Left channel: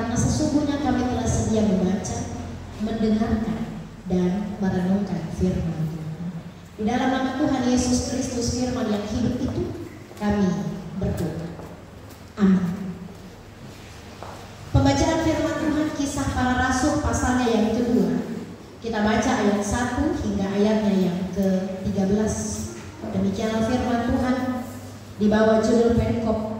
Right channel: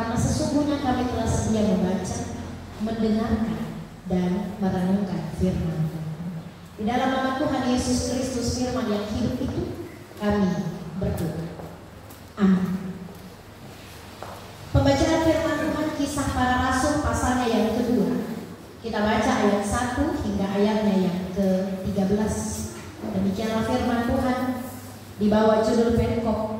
karena sesungguhnya kami telah sedia membaca, mendengarkan, dan merenungkan firman Tuhan. Di dalam nama Tuhan Yesus Kristus firman yang hidup itu, kami berdoa. Amin. Pembacaan firman Tuhan Kisah Para Rasul pasalnya yang kedua. Kita baca ayat 1 hingga ayatnya yang ke-13. Demikianlah firman Tuhan di bawah judul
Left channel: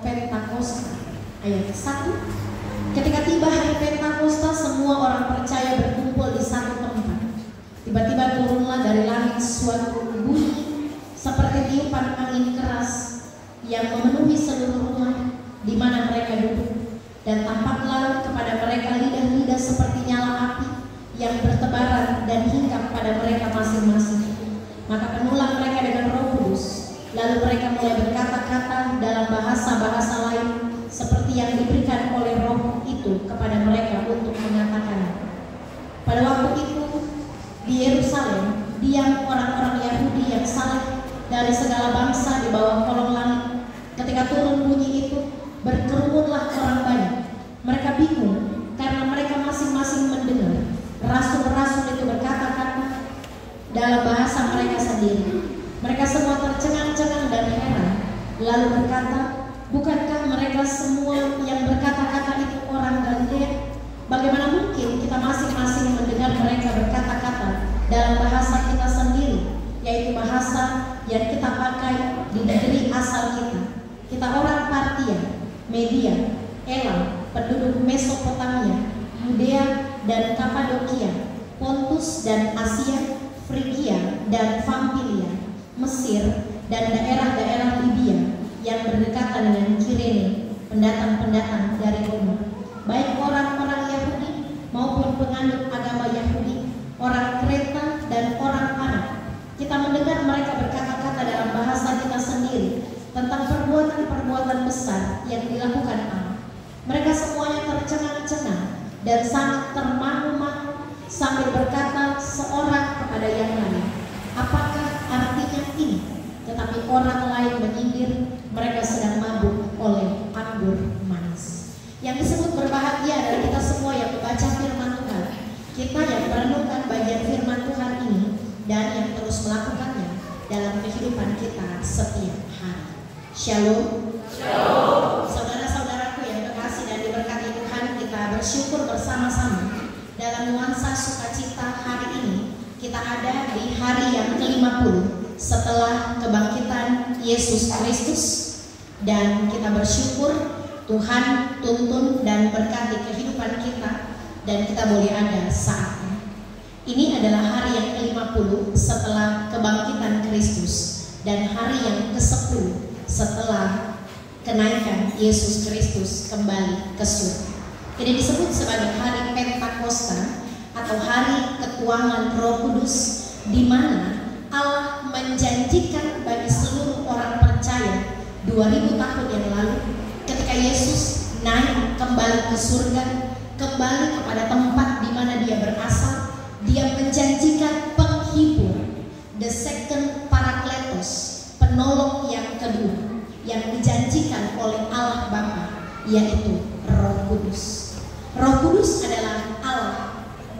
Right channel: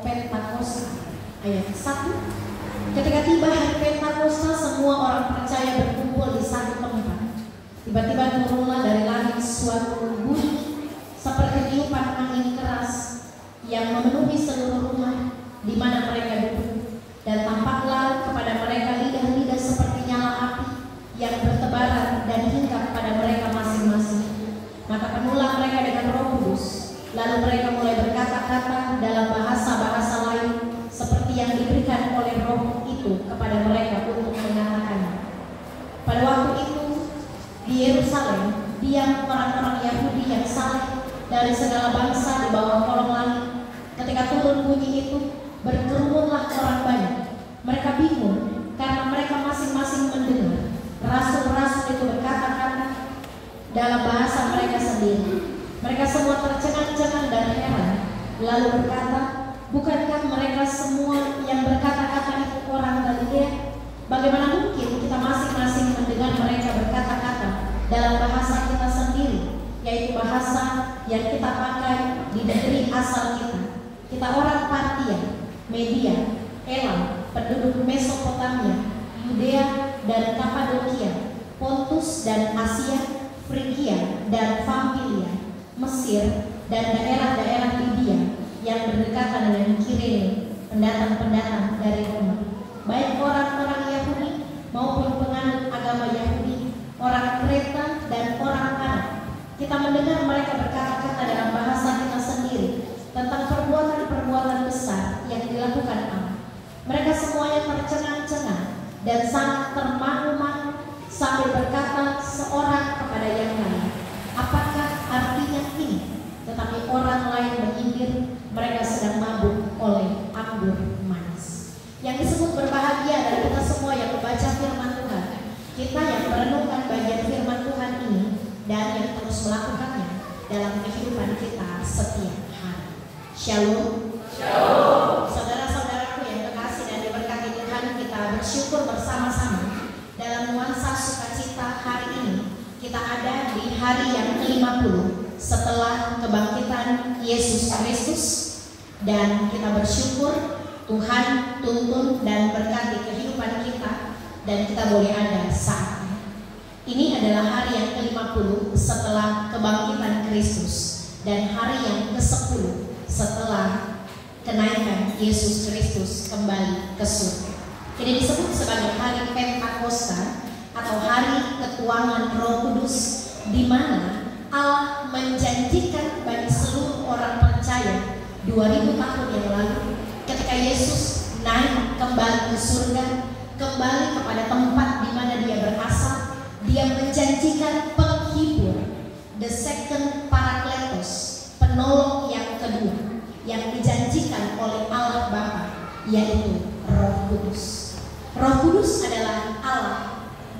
Pentakosta. Ayat 1. Ketika tiba hari Pentakosta, semua orang percaya berkumpul di satu tempat. Tiba-tiba turunlah dari langit suatu bunyi seperti tiupan angin keras yang memenuhi seluruh rumah di mana mereka duduk, dan tampaklah kepada mereka lidah-lidah seperti nyala api yang bertebaran dan hinggap pada mereka masing-masing. Maka penuhlah mereka dengan Roh Kudus, lalu mereka mulai berkata-kata dalam bahasa-bahasa lain seperti yang diberikan oleh Roh itu kepada mereka untuk mengatakannya. Pada waktu itu di Yerusalem diam orang-orang Yahudi yang saleh dari segala bangsa di bawah kolong langit. Ketika turun bunyi itu, berkerumunlah orang banyak. Mereka bingung karena mereka masing-masing mendengar rasul-rasul itu berkata-kata dalam bahasa mereka sendiri. Mereka semua tercengang-cengang dan heran, lalu berkata, bukankah mereka semua yang berkata-kata itu orang Galilea? Bagaimana mungkin kita masing-masing mendengar mereka berkata-kata dalam bahasa kita sendiri, yaitu bahasa yang kita pakai di negeri asal kita? Kita orang Partia, Media, Elam, penduduk Mesopotamia, Yudea dan Kapadokia, Pontus dan Asia, Frigia dan Pamfilia, Mesir dan daerah-daerah Libya yang berdekatan dengan Kirene, pendatang-pendatang dari Roma, baik orang-orang Yahudi maupun penganut agama Yahudi, orang Kreta dan orang Arab. Kita mendengar mereka berkata-kata dalam bahasa kita sendiri tentang perbuatan-perbuatan besar yang dilakukan Allah. Mereka semuanya tercengang-cengang dan sangat termangu-mangu sambil berkata seorang kepada yang lain, apakah artinya ini? Tetapi orang lain menyindir, mereka sedang mabuk oleh anggur manis. Yang disebut berbahagia adalah kita semua yang membaca firman Tuhan, kita yang merenungkan bagian firman Tuhan ini dan yang terus melakukannya dalam kehidupan kita setiap hari. Shalom. Shalom. Saudara-saudaraku yang terkasih dan diberkati Tuhan, kita bersyukur bersama-sama dalam nuansa sukacita hari ini. Kita ada di hari yang ke-50 setelah kebangkitan Yesus Kristus, dan kita bersyukur Tuhan tuntun dan berkati kehidupan kita dan kita boleh ada saatnya. Ini adalah hari yang ke-50 setelah kebangkitan Kristus dan hari yang ke-10 setelah kenaikan Yesus Kristus kembali ke surga. Ini disebut sebagai hari Pentakosta atau hari ketuangan Roh Kudus, di mana Allah menjanjikan bagi seluruh orang percaya 2000 tahun yang lalu ketika Yesus naik kembali ke surga, kembali kepada tempat di mana dia berasal. Dia menjanjikan penghibur, the second Parakletos, penolong yang kedua yang dijanjikan oleh Allah Bapa, yaitu Roh Kudus. Roh Kudus adalah Allah.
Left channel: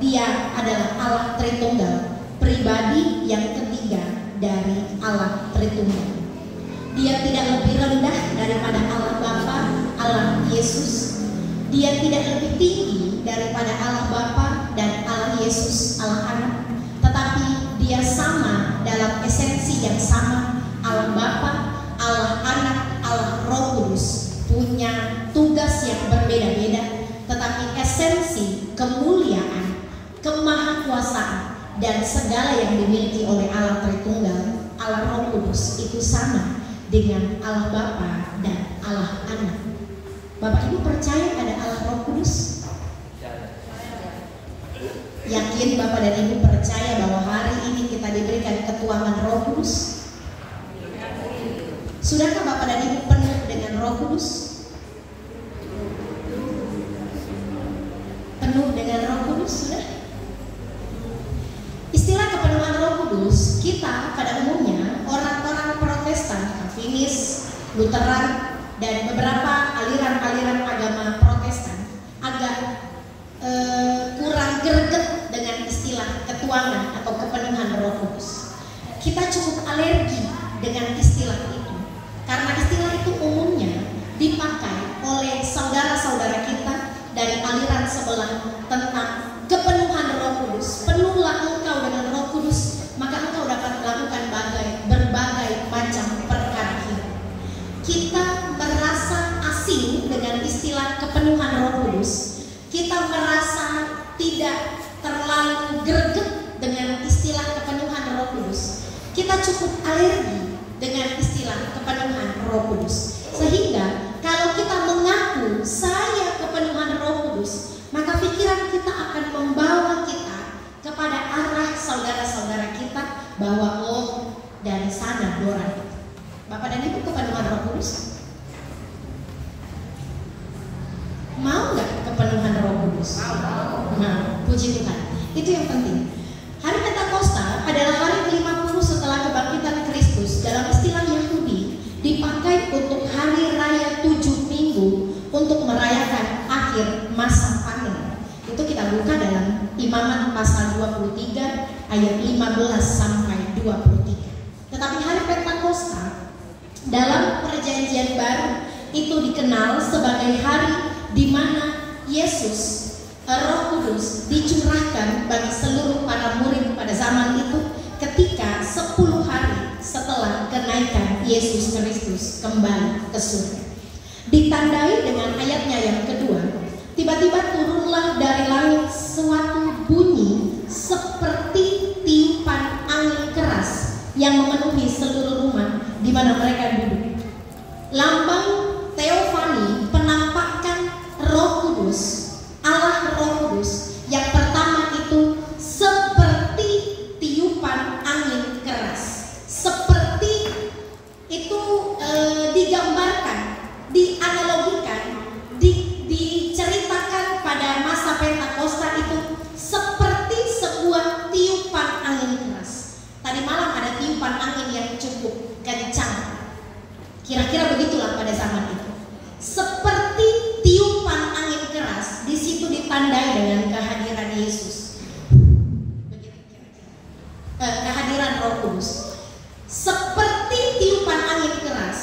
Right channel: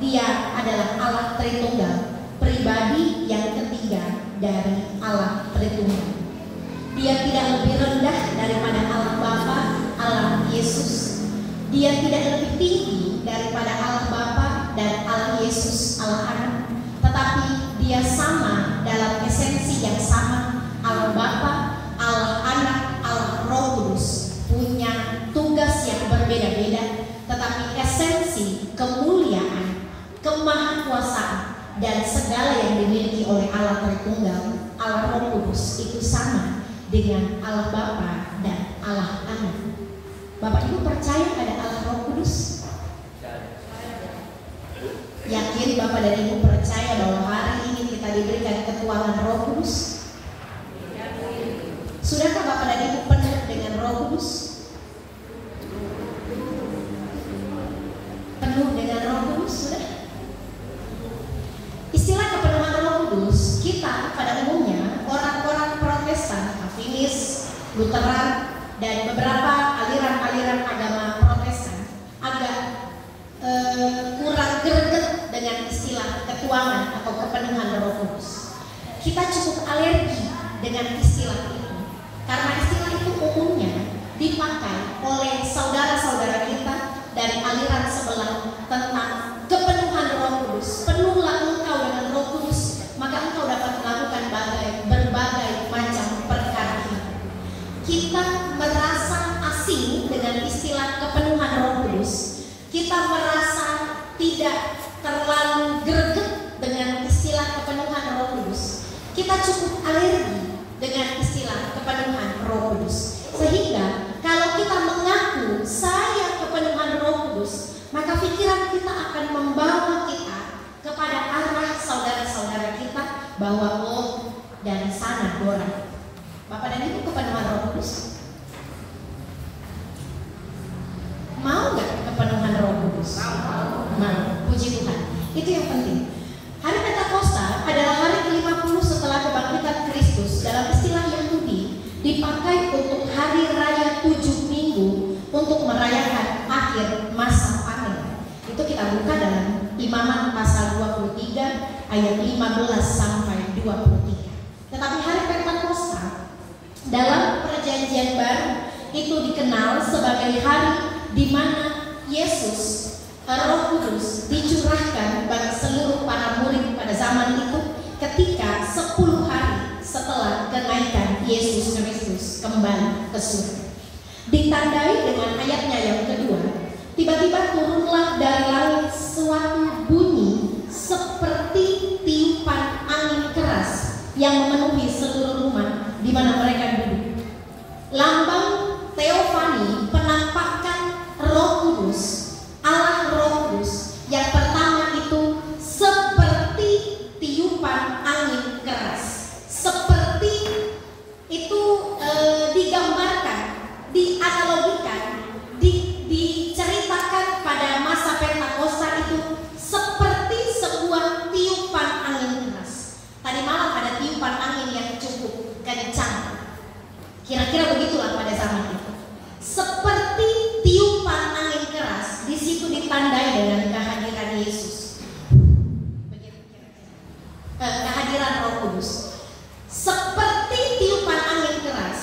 Dia adalah Allah Tritunggal, pribadi yang ketiga dari Allah Tritunggal. Dia tidak lebih rendah daripada Allah Bapa, Allah Yesus. Dia tidak lebih tinggi daripada Allah Bapa dan Allah Yesus, Allah Anak. Tetapi dia sama dalam esensi yang sama. Allah Bapa, Allah Anak, Allah Roh Kudus punya tugas yang berbeda-beda, tetapi esensi, kemuliaan, kemahakuasaan dan segala yang dimiliki oleh Allah Tritunggal, Allah Roh Kudus itu sama dengan Allah Bapa dan Allah Anak. Bapak Ibu percaya ada Allah Roh Kudus? Yakin Bapak dan Ibu percaya bahwa hari ini kita diberikan ketuangan Roh Kudus? Sudahkah Bapak dan Ibu penuh dengan Roh Kudus? Penuh dengan Roh Kudus sudah? Istilah kepenuhan Roh Kudus kita pada umumnya orang-orang Protestan, Calvinis, Lutheran dan beberapa aliran-aliran agama Protestan agak ayat 15 sampai 23. Tetapi hari Pentakosta dalam Perjanjian Baru itu dikenal sebagai hari di mana Yesus, Roh Kudus dicurahkan bagi seluruh para murid pada zaman itu ketika 10 hari setelah kenaikan Yesus Kristus kembali ke surga. Ditandai dengan ayatnya yang kedua, tiba-tiba turunlah dari langit suatu bunyi seperti tiupan angin keras yang memenuhi seluruh rumah di mana mereka duduk. Lambang teofani, penampakan Roh Kudus, Allah Roh Kudus yang pertama itu seperti tiupan angin keras. Seperti itu digambarkan, dianalogikan, diceritakan pada masa Pentakosta itu seperti sebuah tiupan angin keras. Tadi malam ada tiupan angin yang cukup kencang. Kira-kira begitulah pada zaman itu. Seperti tiupan angin keras, di situ ditandai dengan kehadiran Yesus. Kehadiran Roh Kudus. Seperti tiupan angin keras,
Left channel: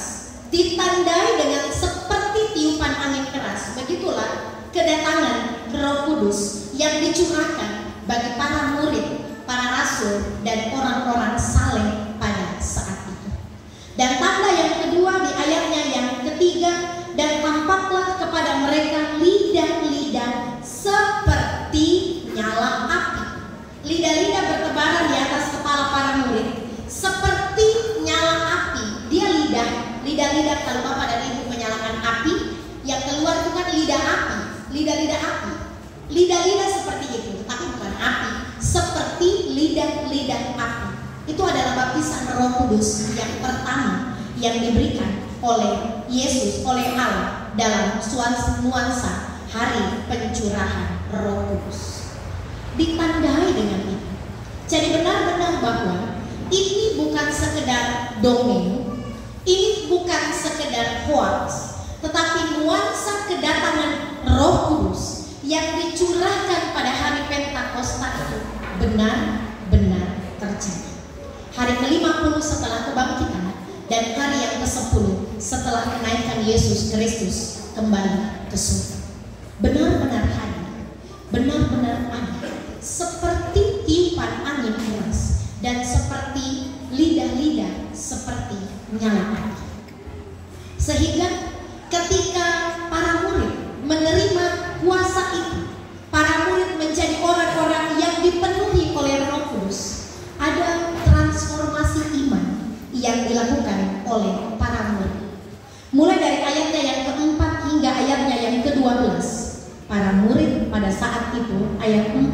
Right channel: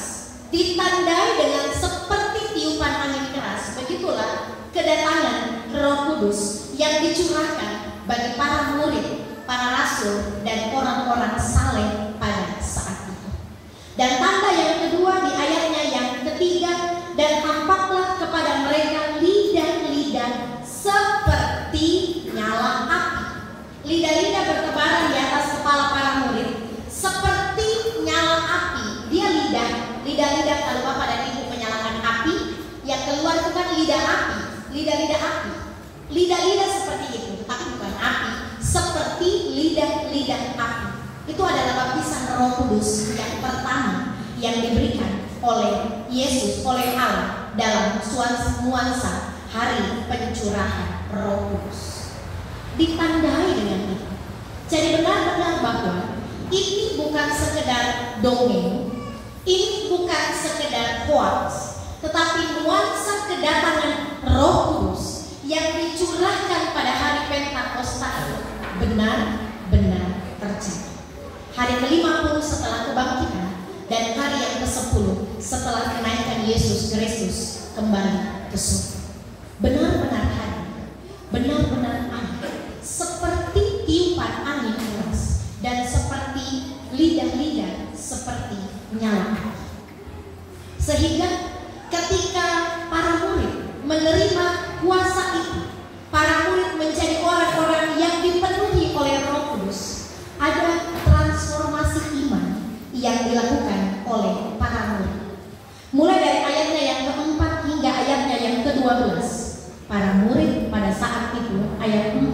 ditandai dengan seperti tiupan angin keras. Begitulah kedatangan Roh Kudus yang dicurahkan bagi para murid, para rasul, dan orang-orang saleh pada saat itu. Dan tanda yang kedua di ayatnya yang ketiga, dan tampaklah kepada mereka lidah-lidah seperti nyala api. Lidah-lidah bertebaran di atas kepala para murid seperti nyala api. Dia lidah-lidah kalau Bapak dan Ibu menyalakan api, yang keluar itu kan lidah api, lidah-lidah api. Lidah-lidah seperti itu, tetapi bukan api, seperti lidah-lidah api. Itu adalah baptisan Roh Kudus yang pertama yang diberikan oleh Yesus, oleh Allah dalam nuansa hari pencurahan Roh Kudus. Ditandai dengan itu. Jadi benar-benar bahwa ini bukan sekedar dongeng, ini bukan sekedar hoax, tetapi nuansa kedatangan Roh Kudus yang dicurahkan pada hari Pentakosta itu benar-benar terjadi. Hari ke-50 setelah kebangkitan dan hari yang ke-10 setelah kenaikan Yesus Kristus kembali ke surga. Benar-benar hadir, benar-benar ada, seperti tiupan angin keras dan seperti lidah-lidah seperti nyala api. Sehingga ketika para murid menerima kuasa itu, para murid menjadi orang-orang yang dipenuhi oleh Roh Kudus. Ada transformasi iman yang dilakukan oleh para murid. Mulai dari ayatnya yang keempat hingga ayatnya yang ke-12. Para murid pada saat itu, ayat 4,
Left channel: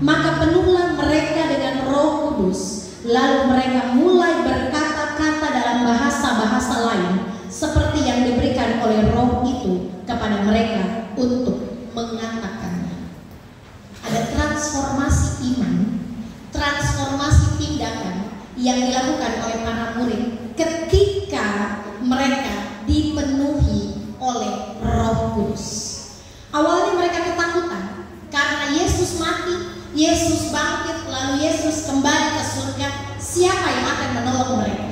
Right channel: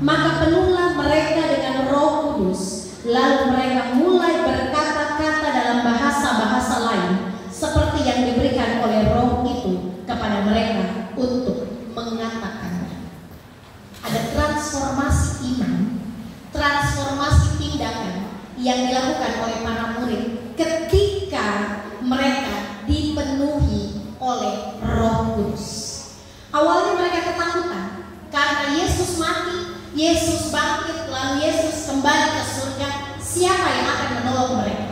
maka penuhlah mereka dengan Roh Kudus, lalu mereka mulai berkata-kata dalam bahasa-bahasa lain seperti yang diberikan oleh Roh itu kepada mereka untuk mengatakannya. Ada transformasi iman, transformasi tindakan yang dilakukan oleh para murid ketika mereka dipenuhi oleh Roh Kudus. Awalnya mereka ketakutan karena Yesus mati, Yesus bangkit, lalu Yesus kembali ke surga. Siapa yang akan menolong mereka?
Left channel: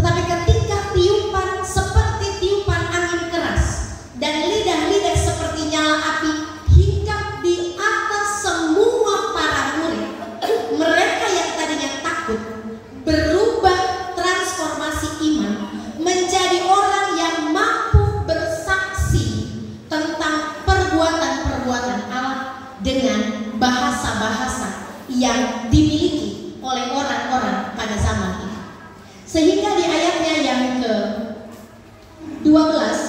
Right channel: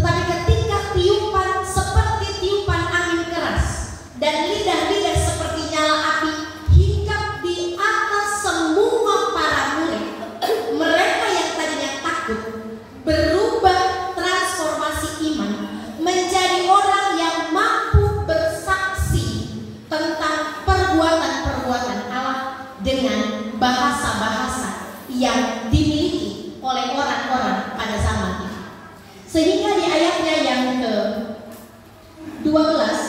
Tetapi ketika tiupan seperti tiupan angin keras dan lidah-lidah seperti nyala api hinggap di atas semua para murid, mereka yang tadinya takut berubah transformasi iman menjadi orang yang mampu bersaksi tentang perbuatan-perbuatan Allah dengan bahasa-bahasa yang dimiliki oleh orang-orang pada zaman itu. Sehingga di ayatnya yang ke-12,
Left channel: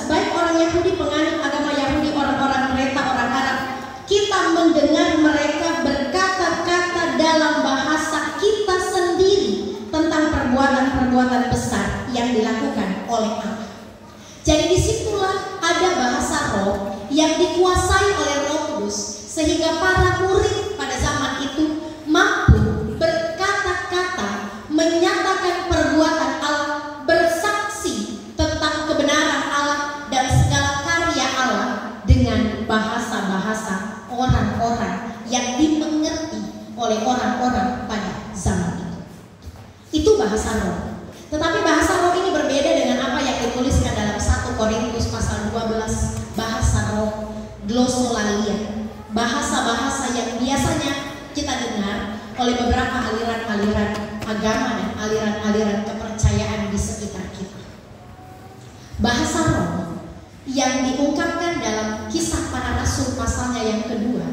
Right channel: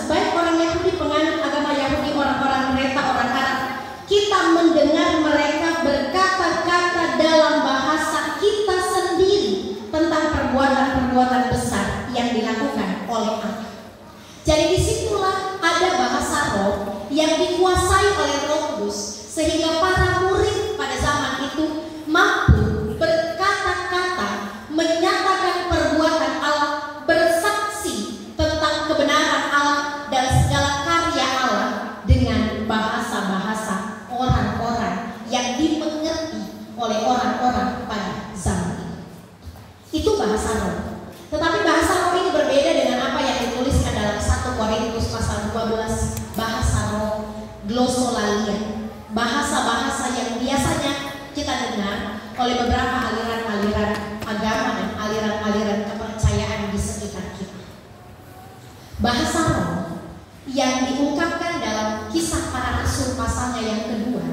baik orang Yahudi, penganut agama Yahudi, orang-orang Kreta, orang Arab, kita mendengar mereka berkata-kata dalam bahasa kita sendiri tentang perbuatan-perbuatan besar yang dilakukan oleh Allah. Jadi disitulah ada bahasa roh yang dikuasai oleh Roh Kudus, sehingga para murid pada zaman itu mampu berkata-kata, menyatakan perbuatan Allah, bersaksi tentang kebenaran Allah dan segala karya Allah dengan bahasa-bahasa orang-orang kalian bahasa-bahasa yang biasanya kita dengar oleh beberapa aliran-aliran agama dan aliran-aliran kepercayaan di sekitar kita. Bahasa roh yang diungkapkan dalam Kisah Para Rasul pasalnya yang kedua,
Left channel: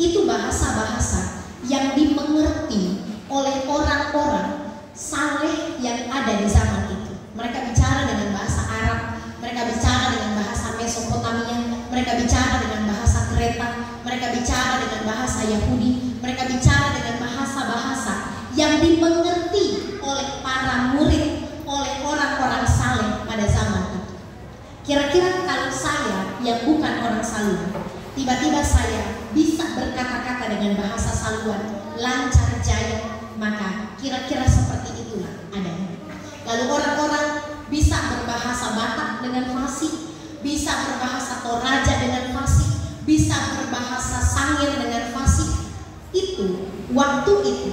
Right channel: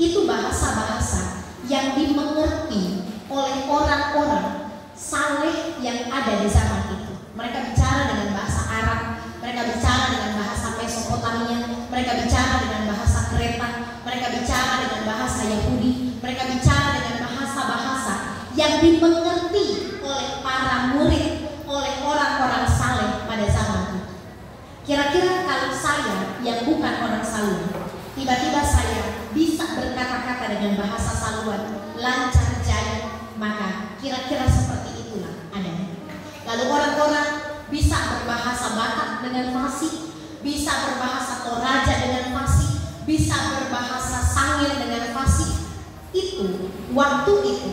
itu bahasa-bahasa yang dimengerti oleh orang-orang saleh yang ada di zaman itu. Mereka bicara dengan bahasa Arab, mereka bicara dengan bahasa Mesopotamia, mereka bicara dengan bahasa Kreta, mereka bicara dengan bahasa Yahudi, mereka bicara dengan bahasa-bahasa yang dimengerti oleh para murid, oleh orang-orang saleh pada zaman itu. Kira-kira kalau saya yang bukan orang saleh, tiba-tiba saya bisa berkata-kata dengan bahasa Saluan lancar jaya, maka kira-kira seperti itulah adanya. Lalu orang-orang bisa berbahasa Batak dengan fasih, bisa berbahasa Toraja dengan fasih, bisa berbahasa Sangir dengan fasih. Itu waktu itu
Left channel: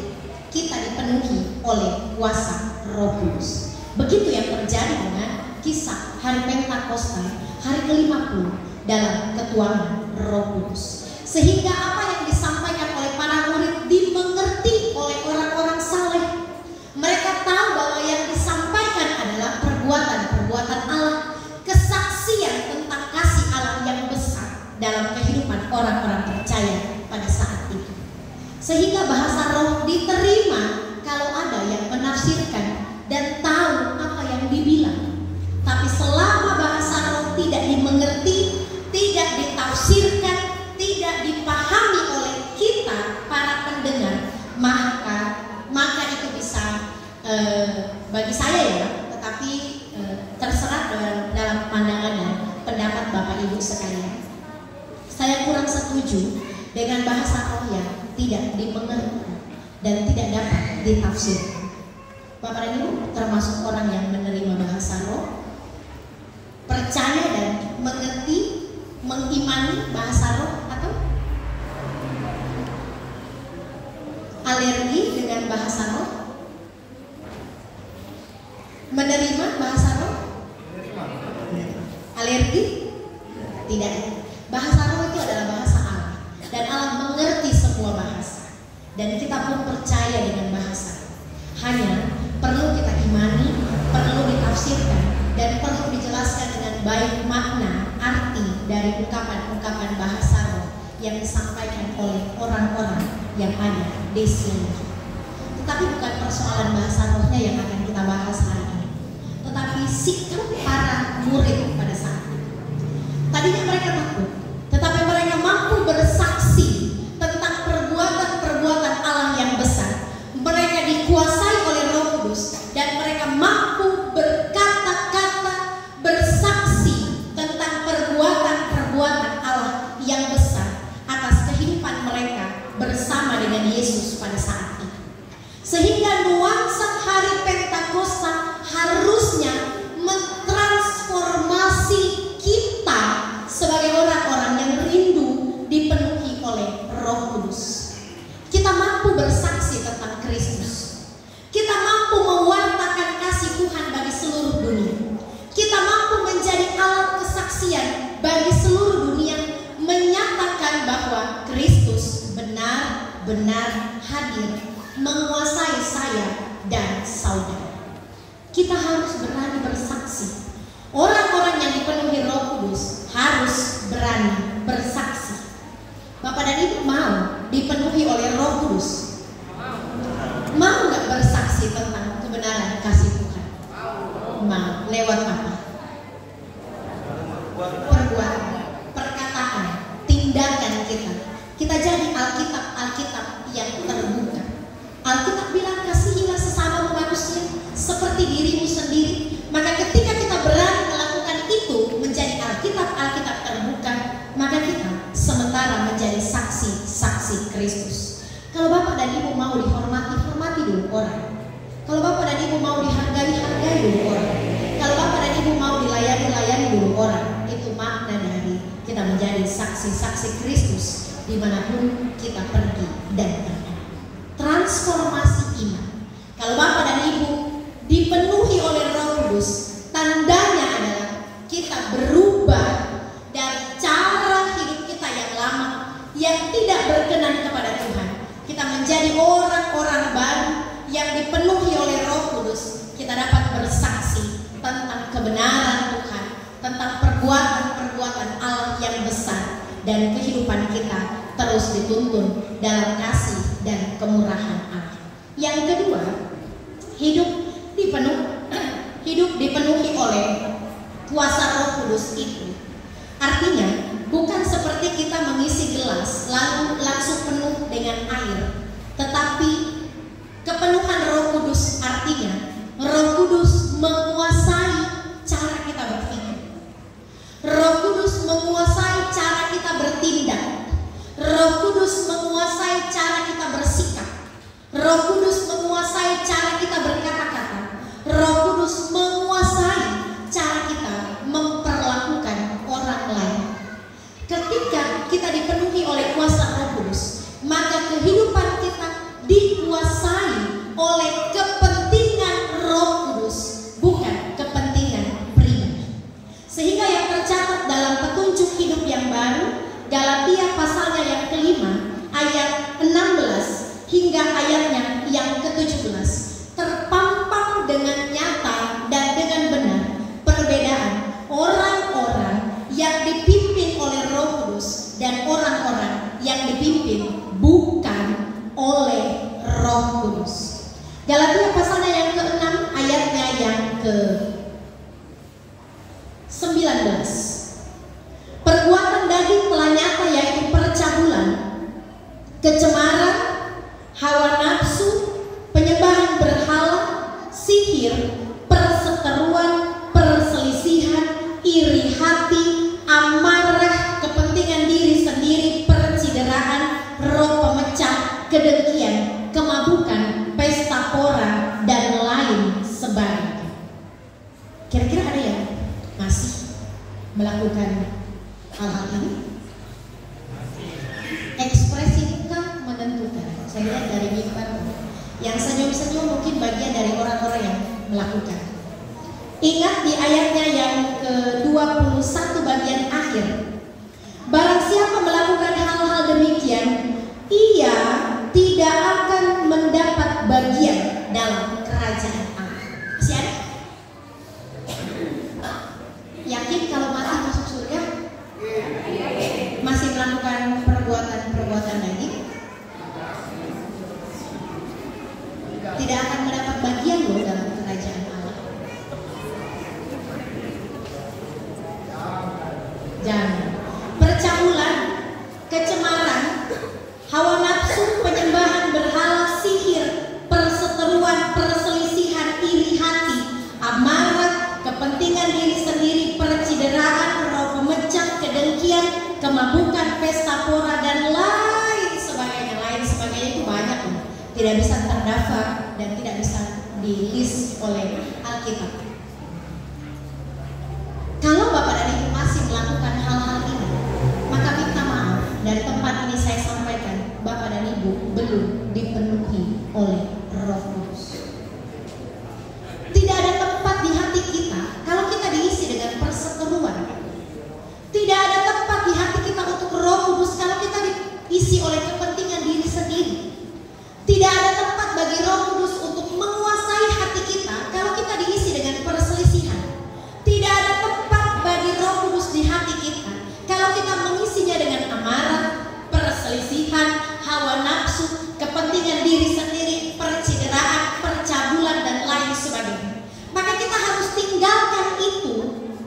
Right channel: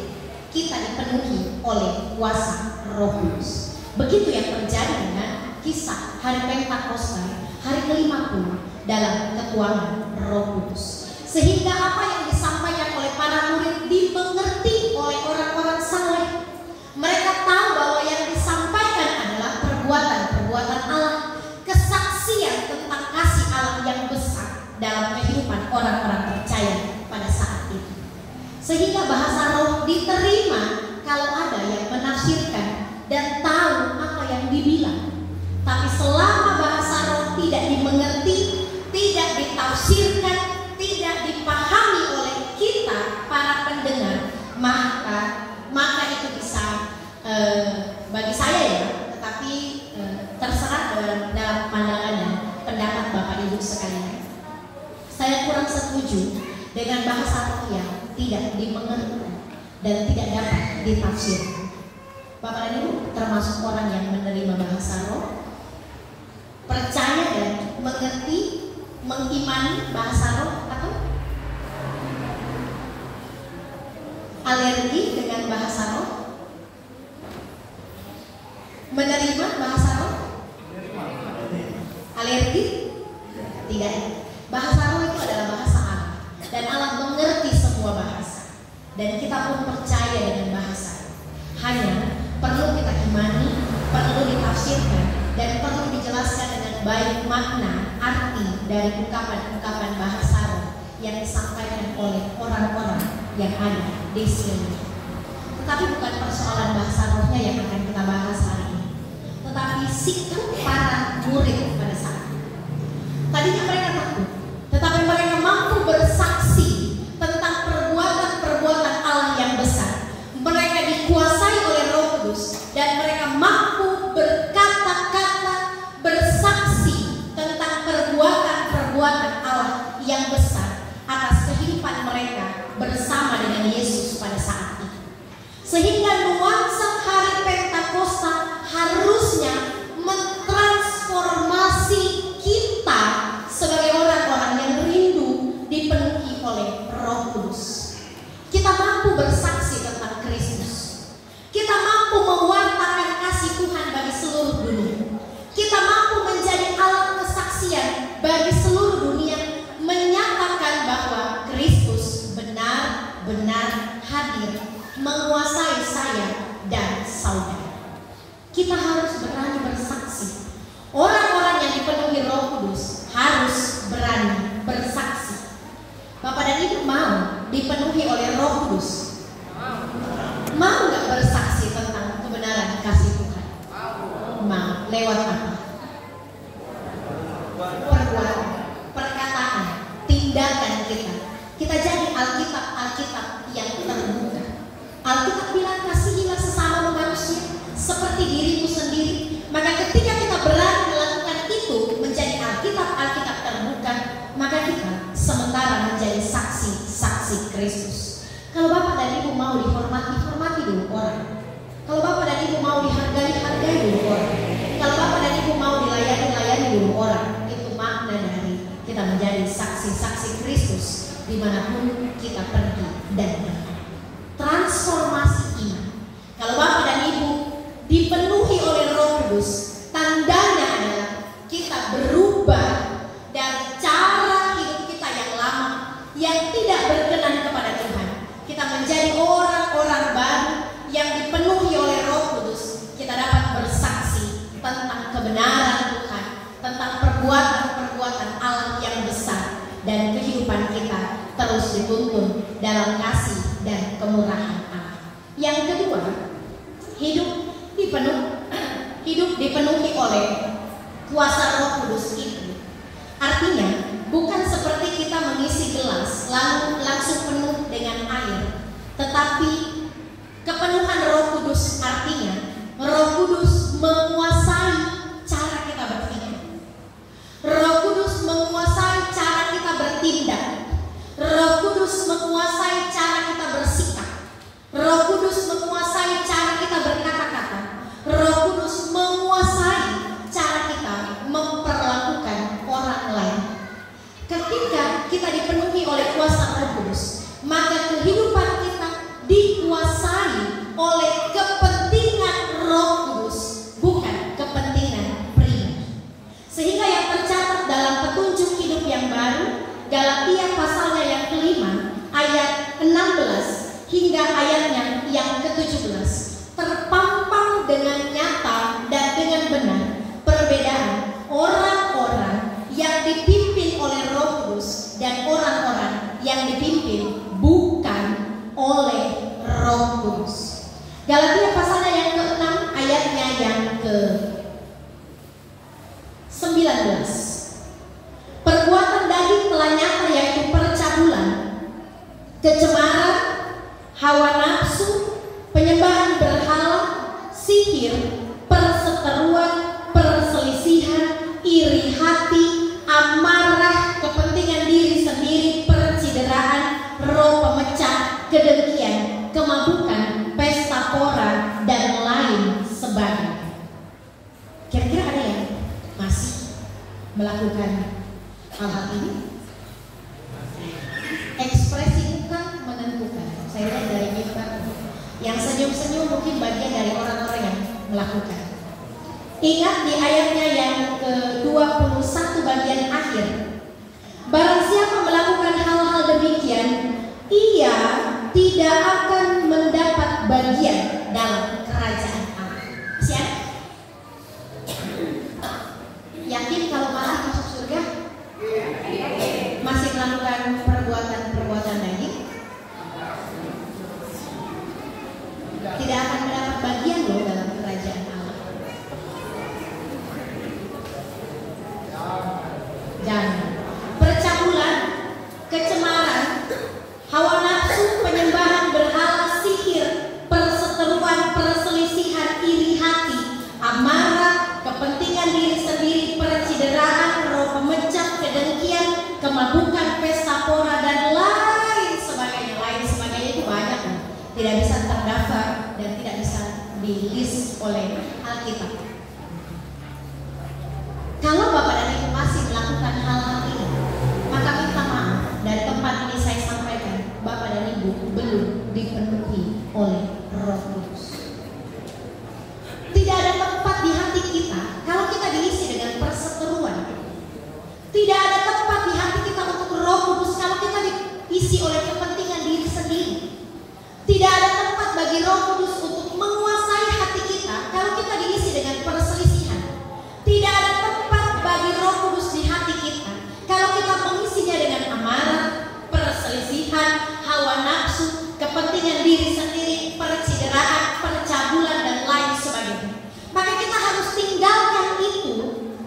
kita dipenuhi oleh kuasa Roh Kudus. Begitu yang terjadi dengan kisah hari Pentakosta, hari ke-50 dalam ketuanan Roh Kudus. Sehingga apa yang disampaikan oleh para murid dimengerti oleh orang-orang saleh. Mereka tahu bahwa yang disampaikan adalah perbuatan-perbuatan Allah, kesaksian tentang kasih Allah yang besar dalam kehidupan orang-orang percaya pada saat itu. Sehingga bahasa roh diterima kalau ada yang menafsirkan dan tahu apa yang dibilang. Tapi selama bahasa roh tidak dimengerti, tidak ditafsirkan, tidak dipahami oleh kita para pendengar, maka itu bisa bagi saya ya, tetapi terserah dalam pandangan dan pendapat Bapak Ibu sekalian. Saya kurang setuju dengan bahasa roh yang tidak dimengerti dan tidak dapat ditafsirkan. Bapak dan Ibu termasuk orang yang menerima bahasa roh, percaya dan mengerti, mengimani bahasa roh, atau alergi dengan bahasa roh, menerima bahasa roh, alergi, tidak. Bahasa roh itu adalah bahasa Allah, dan Allah mengerti semua bahasa, dan kita pun percaya dengan bahasa. Hanya perlu kita imani, perlu ditafsirkan, dan perlu dijelaskan dengan baik makna, arti dari ungkapan-ungkapan bahasa roh yang disampaikan oleh orang-orang yang ada di sini. Tetapi bukan persoalan bahasa rohnya yang akan kita bahas hari ini, tetapi sikap para murid pada saat itu. Tadinya mereka takut, tetapi mereka mampu bersaksi tentang perbuatan-perbuatan Allah yang besar. Mereka dikuasai oleh Roh Kudus dan mereka mampu berkata-kata, bersaksi tentang perbuatan-perbuatan Allah yang besar atas kehidupan mereka bersama dengan Yesus pada saat itu. Sehingga nuansa hari Pentakosta harusnya mentransformasi kita sebagai orang-orang yang rindu dipenuhi oleh Roh Kudus. Kita mampu bersaksi tentang Kristus. Kita mampu mewartakan kasih Tuhan bagi seluruh dunia. Kita mampu menjadi alat kesaksian bagi seluruh dunia, menyatakan bahwa Kristus benar-benar hadir, menguasai saya dan saudara. Kita harus berani bersaksi. Orang-orang yang dipenuhi Roh Kudus harus berani bersaksi. Bapak dan Ibu mau dipenuhi oleh Roh Kudus? Mau nggak bersaksi tentang kebenaran kasih Tuhan? Mau. Lewat apa? Perbuatan, perkataan, tindakan kita. Kita jadi Alkitab yang terbuka. Alkitab bilang kasihilah sesama manusia seperti dirimu sendiri. Maka ketika kita berani melakukan itu, menjadi Alkitab terbuka, maka kita sementara menjadi saksi-saksi Kristus. Kalau Bapak dan Ibu mau dihormati, hormati dulu orang. Kalau Bapak dan Ibu mau dihargai, hargai dulu orang. Kalau Bapak dan Ibu mau dilayani, layani dulu orang. Itu makna dari kita menjadi saksi-saksi Kristus dimanapun kita pergi dan berada. Transformasi iman. Kalau Bapak dan Ibu dipenuhi oleh Roh Kudus, tandanya adalah kita berubah dari cara hidup kita yang lama yang tidak berkenan kepada Tuhan. Kita menjadi orang-orang baru yang dipenuhi oleh Roh Kudus. Kita dapat bersaksi tentang kebenaran Tuhan, tentang perbuatan-perbuatan Allah yang besar, dan kehidupan kita terus dituntun dalam kasih dan kemurahan Allah. Yang kedua, hidup dipenuhi oleh kuasa Roh Kudus itu. Artinya, bukan seperti kita mengisi gelas lalu langsung penuh dengan air, tetapi kepenuhan Roh Kudus artinya Roh Kudus menguasai cara kita berpikir. Roh Kudus menguasai cara kita bertindak. Roh Kudus menguasai cara kita bersikap. Roh Kudus menguasai cara kita berkata-kata. Roh Kudus menguasai cara kita memperlakukan orang lain. Ketika kita dipenuhi oleh kuasa Roh Kudus, maka kehidupan kita dikuasai oleh kepentingan Roh Kudus, bukan kepentingan pribadi. Sehingga yang tercatat dalam petunjuk hidup yang baru, Galatia pasalnya yang kelima, ayat 16 hingga ayatnya yang ke-17, terpampang dengan nyata dan dengan benar perbedaan orang-orang yang dipimpin oleh Roh Kudus dan orang-orang yang dipimpin bukan oleh Roh Kudus. Galatia pasalnya yang ke-6 ayatnya yang ke-19. Perbuatan daging telah nyata, yaitu percabulan, kecemaran, hawa nafsu, penyembahan berhala, sihir, perseteruan, perselisihan, iri hati, amarah, kepentingan diri sendiri, percideraan, roh pemecah, kedengkian, kemabukan, pesta pora, dan lain sebagainya. Kira-kira ada yang masih melakukan hal-hal ini? Ekspresi muka menentukan. Saya lihat dari kita, yang senyum-senyum mungkin bagian dari orang-orang yang melakukan. Ingat di ayatnya yang ke-21 bagian akhir, barang siapa melakukan hal-hal demikian, ia tidak akan mendapat bagian dalam kerajaan Allah. Siap? Yakin kalau masih masuk surga? Masih melakukan perbuatan daging? Tidak akan mendapat bagian loh dalam kerajaan Allah. Jangan. Percabulan, kecemaran, hawa nafsu, penyembahan berhala, sihir, perseteruan, perselisihan, iri hati, amarah, kepentingan diri sendiri, percideraan, roh pemecah, kedengkian, kemabukan, pesta pora, dan lain sebagainya. Lain sebagainya itu banyak loh. Tidak bisa terdaftar dan tidak bisa di-list oleh Alkitab. Kalau Bapak dan Ibu masih melakukan hal-hal ini, maka minta maaf, dari tempat ini saya sampaikan, Bapak dan Ibu belum dipenuhi oleh Roh Kudus. Tidak ada tempat di hati kita kalau kita diisi dengan perseteruan. Tidak ada tempat di hati kita untuk Roh Kudus kalau kita diisi oleh kepentingan diri sendiri. Tidak ada tempat bagi Roh Kudus untuk menguasai hati kita kalau kita diisi dengan perselisihan. Tidak ada tempat bagi Roh Kudus di hati kita kalau kita mengisinya dengan amarah, perselisihan, hawa nafsu, kepentingan diri sendiri, percideraan, percabulan, dan lain sebagainya. Maka kita harus tinggalkan itu,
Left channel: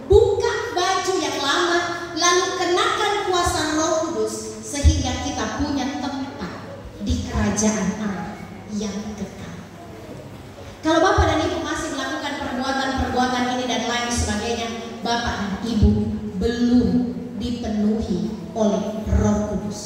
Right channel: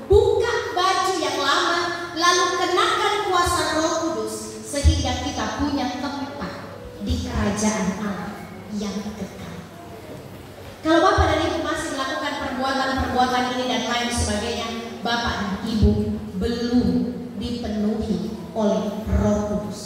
buka baju yang lama, lalu kenakan kuasa Roh Kudus, sehingga kita punya tempat di kerajaan Allah yang kekal. Kalau Bapak dan Ibu masih melakukan perbuatan-perbuatan ini dan lain sebagainya, Bapak dan Ibu belum dipenuhi oleh Roh Kudus.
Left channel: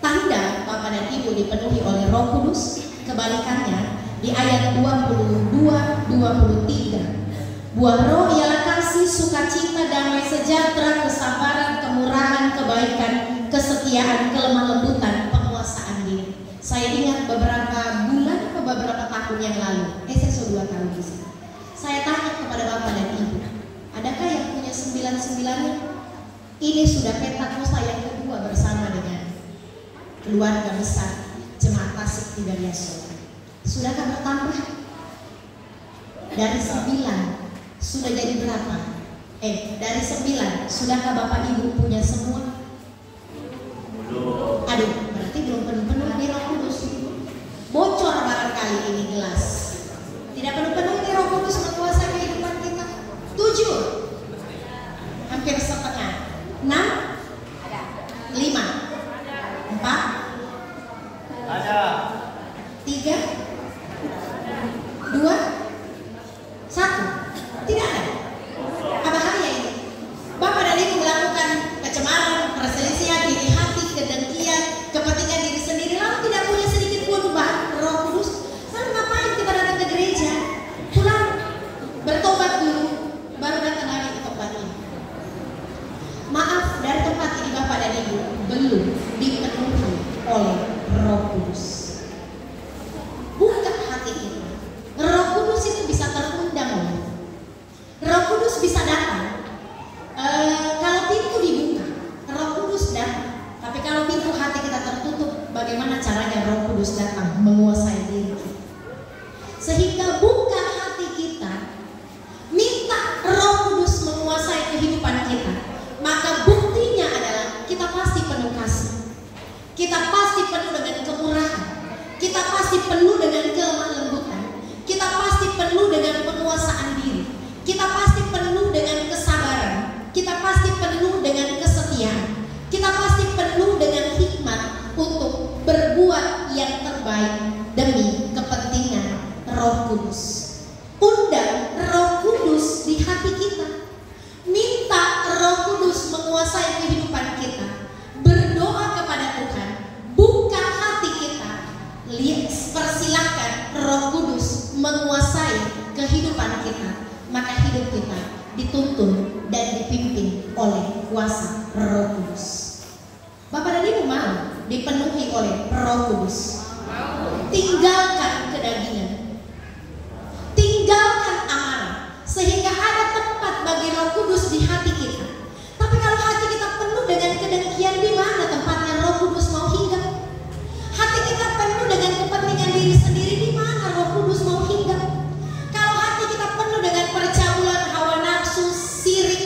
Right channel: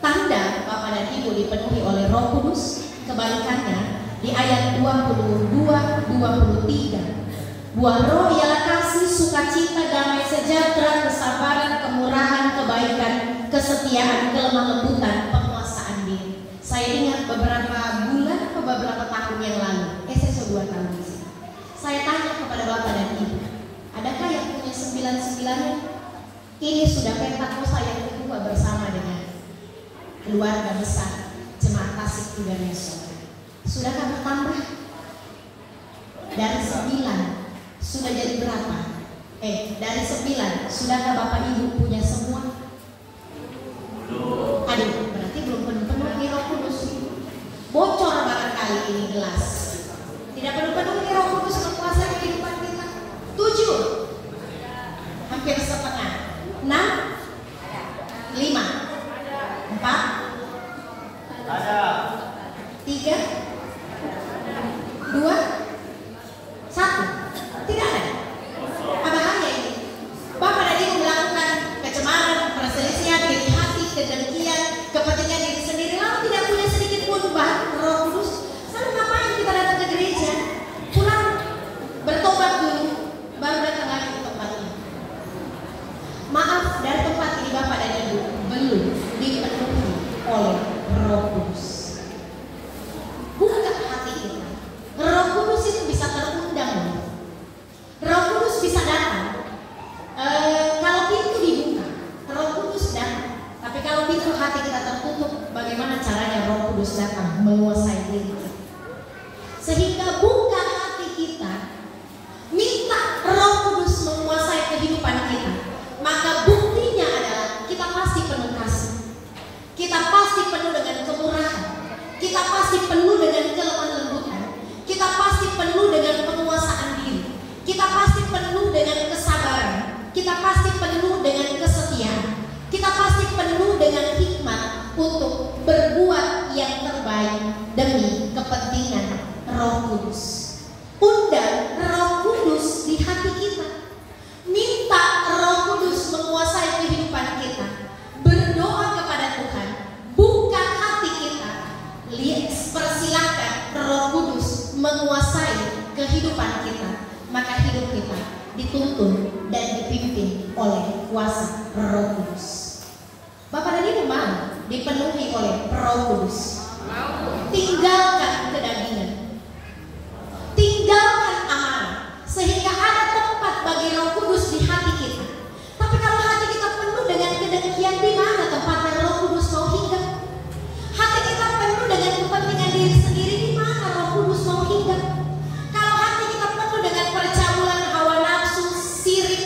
Tanda Bapak dan Ibu dipenuhi oleh Roh Kudus, kebalikannya di ayat 22-23. Buah roh ialah kasih, sukacita, damai sejahtera, kesabaran, kemurahan, kebaikan, kesetiaan, kelemah lembutan, penguasaan diri. Saya ingat beberapa bulan atau beberapa tahun yang lalu, SSO 2 tahun di sini. Saya tanya kepada Bapak dan Ibu, adakah yang punya 9-9-nya? Ini sudah Pentakosta yang kedua bersama keluarga besar Jemaat Tasik Tigariaso. Sudahkah bertambah? Dari 9 sudah jadi berapa? Dari 9 sudahkah Bapak Ibu punya semua? Aduh, berarti belum penuh-penuh di Roh Kudus. Bocor barangkali ini gelas. Tidak penuh-penuh di Roh Kudus menguasai kehidupan kita. 7, hampir setengah. 6, 5, 4, 3, 2, 1. Tidak ada. Apa bahaya ini? Bapak dan Ibu melakukan kecemaran, perselisihan, iri hati, kedengkian, kepentingan diri sendiri, lalu tidak punya sedikit pun Roh Kudus. Lalu ngapain kita datang ke gereja? Pulang bertobat dulu, baru datang lagi ke tempat ini. Maaf, dari tempat ini Bapak dan Ibu belum dipenuhi oleh Roh Kudus. Buka hati kita. Roh Kudus itu bisa terundang. Roh Kudus bisa datang. Kalau pintu dibuka, Roh Kudus datang. Tapi kalau pintu hati kita tertutup, bagaimana caranya Roh Kudus datang menguasai diri kita? Sehingga buka hati kita, minta Roh Kudus menguasai kehidupan kita. Maka buktinya adalah kita pasti penuh kasih, kita pasti penuh dengan kemurahan, kita pasti penuh dengan kelemah lembutan, kita pasti penuh dengan penguasaan diri, kita pasti penuh dengan kesabaran, kita pasti penuh dengan kesetiaan, kita pasti penuh dengan hikmat untuk berbuat yang terbaik demi kepentingan Roh Kudus. Undang Roh Kudus di hati kita. Minta Roh Kudus menguasai kehidupan kita. Berdoa kepada Tuhan. Buka hati kita. Persilakan Roh Kudus menguasai kehidupan kita. Maka hidup kita dituntun dan dipimpin oleh kuasa Roh Kudus. Bapak dan Ibu mau dipenuhi oleh Roh Kudus. Tinggalkan kedagingan, tinggalkan amarah, sehingga ada tempat bagi Roh Kudus di hati kita. Tapi kalau hati kita penuh dengan kedengkian, di mana tempatnya Roh Kudus mau hinggap? Hati kita penuh dengan kepentingan diri sendiri, di mana Roh Kudus mau hinggap? Kalau hati kita penuh dengan percaulan, hawa nafsu, sirik,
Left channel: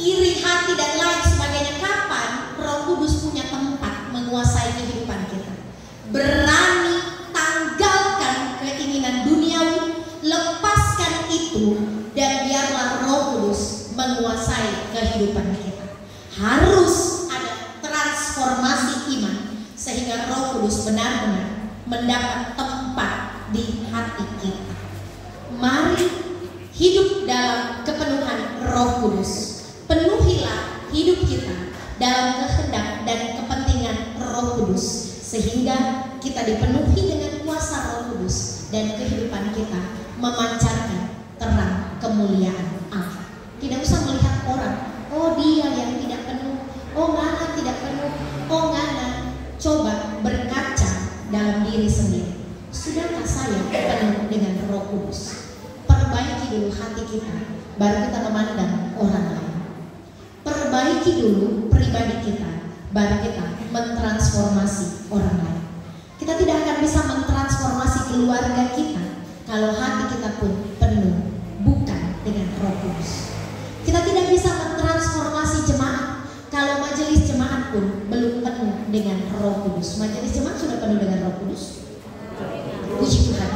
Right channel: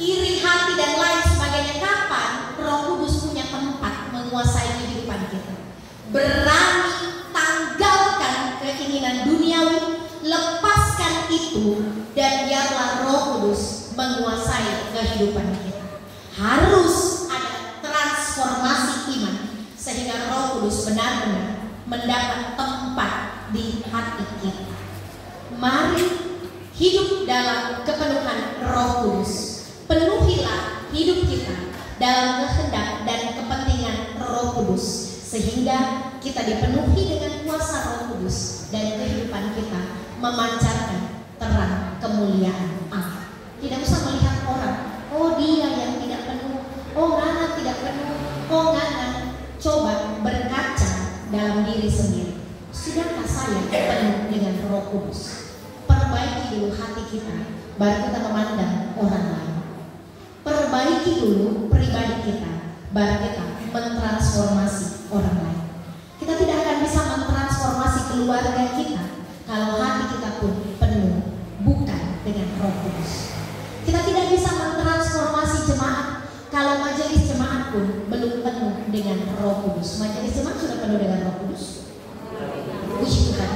iri hati dan lain sebagainya, kapan Roh Kudus punya tempat menguasai kehidupan kita? Berani tanggalkan keinginan duniawi, lepaskan itu, dan biarlah Roh Kudus menguasai kehidupan kita. Harus ada transformasi iman sehingga Roh Kudus benar-benar mendapat tempat di hati kita. Mari hidup dalam kepenuhan Roh Kudus. Penuhilah hidup kita dalam kehendak dan kepentingan Roh Kudus, sehingga kita dipenuhi dengan kuasa Roh Kudus dan kehidupan kita memancarkan terang kemuliaan Allah. Tidak usah melihat orang, oh dia yang tidak penuh, oh Ngana tidak penuh, oh Ngana. Coba berkaca dalam diri sendiri. Sudahkah saya penuh dengan Roh Kudus? Perbaiki dulu hati kita, baru kita memandang orang lain. Perbaiki dulu pribadi kita, baru kita mentransformasi orang lain. Kita tidak akan bisa mentransformasi keluarga kita kalau hati kita pun penuh bukan dengan Roh Kudus. Kita tidak bisa mentransformasi jemaat kalau majelis jemaat pun belum penuh dengan Roh Kudus. Majelis jemaat sudah penuh dengan Roh Kudus. Puji Tuhan.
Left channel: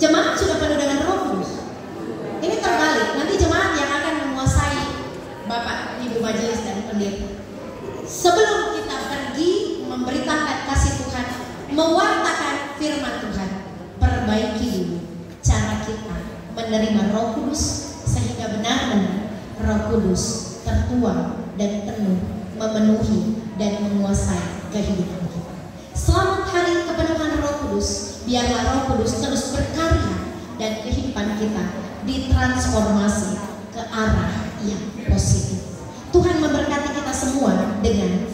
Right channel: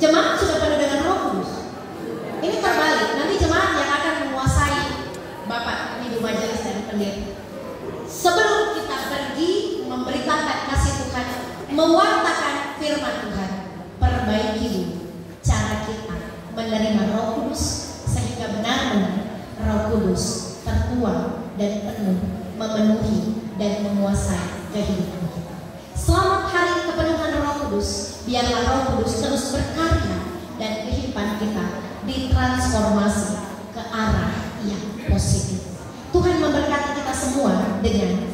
Jemaat sudah penuh dengan Roh Kudus. Ini terbalik. Nanti jemaat yang akan menguasai Bapak, Ibu majelis dan pendeta. Sebelum kita pergi memberitakan kasih Tuhan, mewartakan firman Tuhan, perbaiki dulu cara kita menerima Roh Kudus, sehingga benar-benar Roh Kudus tertuang dan penuh memenuhi dan menguasai kehidupan kita. Selamat hari kepenuhan Roh Kudus. Biarlah Roh Kudus terus berkarya dan kehidupan kita ditransformasi ke arah yang positif. Tuhan memberkati kita semua dengan